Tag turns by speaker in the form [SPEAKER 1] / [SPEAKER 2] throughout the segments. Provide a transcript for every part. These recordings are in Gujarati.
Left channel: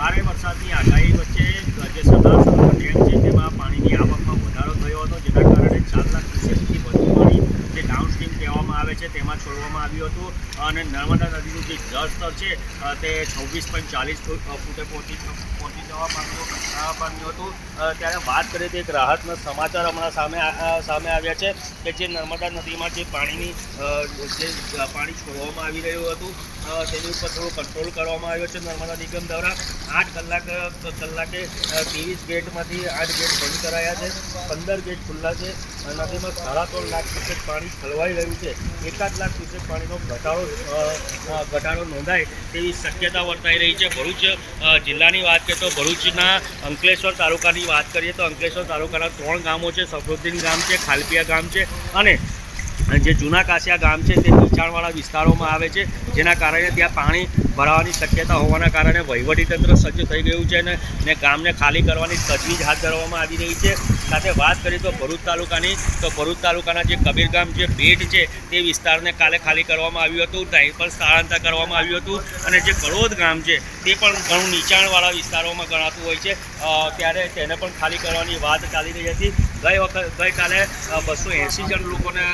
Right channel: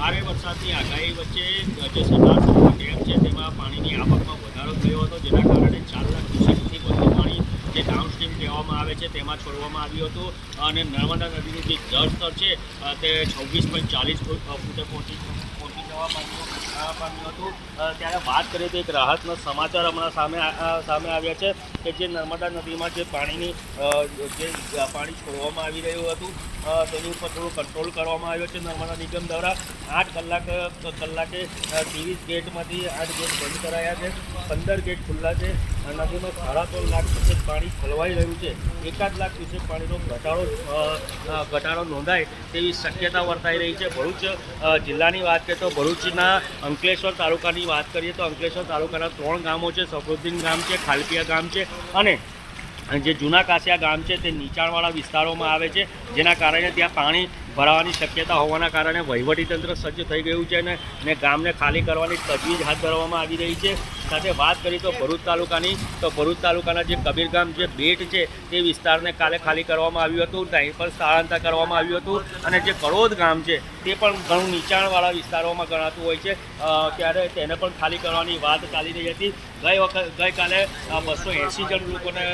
[SPEAKER 1] ભારે વરસાદની આગાહી વચ્ચે જે સરદાર સરોવર ડેમ છે તેમાં પાણીની આવકમાં વધારો થયો હતો, જેના કારણે ચાર લાખ ક્યુસેકથી વધુ પાણી જે ડાઉનસ્ટ્રીમ કહેવામાં આવે છે તેમાં છોડવામાં આવ્યું હતું. અને નર્મદા નદીનું જે જળસ્તર છે તે છવ્વીસ પોઈન્ટ ચાલીસ ફૂટે પહોંચી પહોંચી જવા પામ્યું પામ્યું હતું. ત્યારે વાત કરીએ તો એક રાહતનો સમાચાર હમણાં સામે સામે આવ્યા છે કે જે નર્મદા નદીમાં જે પાણીની જે પાણી છોડવામાં આવી રહ્યું હતું તેની ઉપર થોડું કંટ્રોલ કરવામાં આવ્યો છે નર્મદા નિગમ દ્વારા. આઠ કલાક કલાકે ત્રેવીસ ગેટમાંથી આઠ ગેટ બંધ કરાયા છે, પંદર ગેટ ખુલ્લા છે નદીમાં સાડા ત્રણ લાખ ક્યુસેક પાણી ઠલવાઈ રહ્યું છે. એકાદ લાખ ક્યુસેક પાણીનો ઘટાડો ઘટાડો નોંધાય તેવી શક્યતા વર્તાઈ રહી છે. ભરૂચ જિલ્લાની વાત કરીએ તો ભરૂચના અંકલેશ્વર તાલુકાની વાત કરીએ તો અંકલેશ્વર તાલુકાના ત્રણ ગામો છે. સફરુદ્દીન ગામ છે, ખાલપિયા ગામ છે અને જે જૂના કાસિયા ગામ છે તે નીચાણવાળા વિસ્તારોમાં આવે છે, જેના કારણે ત્યાં પાણી ભરાવાની શક્યતા હોવાના કારણે વહીવટીતંત્ર સજ્જ થઈ ગયું છે અને ને ગામને ખાલી કરવાની તજવીજ હાથ ધરવામાં આવી રહી છે. સાથે વાત કરીએ તો ભરૂચ તાલુકાની, તો ભરૂચ તાલુકાના જે કબીરગામ જે બેટ છે તે વિસ્તારને કાલે ખાલી કરવામાં આવ્યું હતું. ત્યાં પણ સ્થળાંતર કરવામાં આવ્યું હતું અને જે કડોદ ગામ છે તે પણ ઘણું નીચાણવાળા વિસ્તારોમાં ગણાતું હોય છે. ત્યારે તેને પણ ખાલી કરવાની વાત ચાલી રહી હતી. ગઈ વખત, ગઈકાલે બસો એંસી જણ લોકોને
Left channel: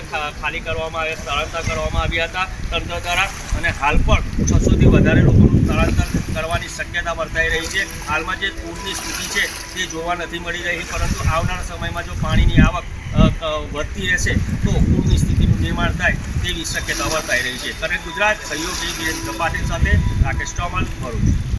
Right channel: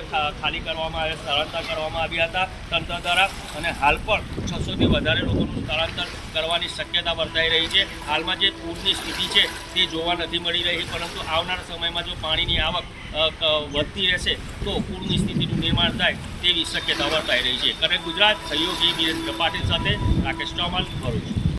[SPEAKER 1] ખાલી કરવામાં આવ્યા, સ્થળાંતર કરવામાં આવ્યા હતા તંત્ર દ્વારા. અને હાલ પણ છસોથી વધારે લોકોનું સ્થળાંતર કરવાની શક્યતા વર્તાઈ રહી છે. હાલમાં જે પૂરની સ્થિતિ છે તે જોવા નથી મળી રહી, પરંતુ આવનારા સમયમાં જો પાણીની આવક વધતી રહેશે, તો પૂરની સ્થિતિનું નિર્માણ થાય તેવી શક્યતા વર્તાઈ રહી છે. અને ગુજરાત સહયોગી વિરેન્દ્ર કપાટી સાથે રાકેશ ચૌહાણ ભરૂચ.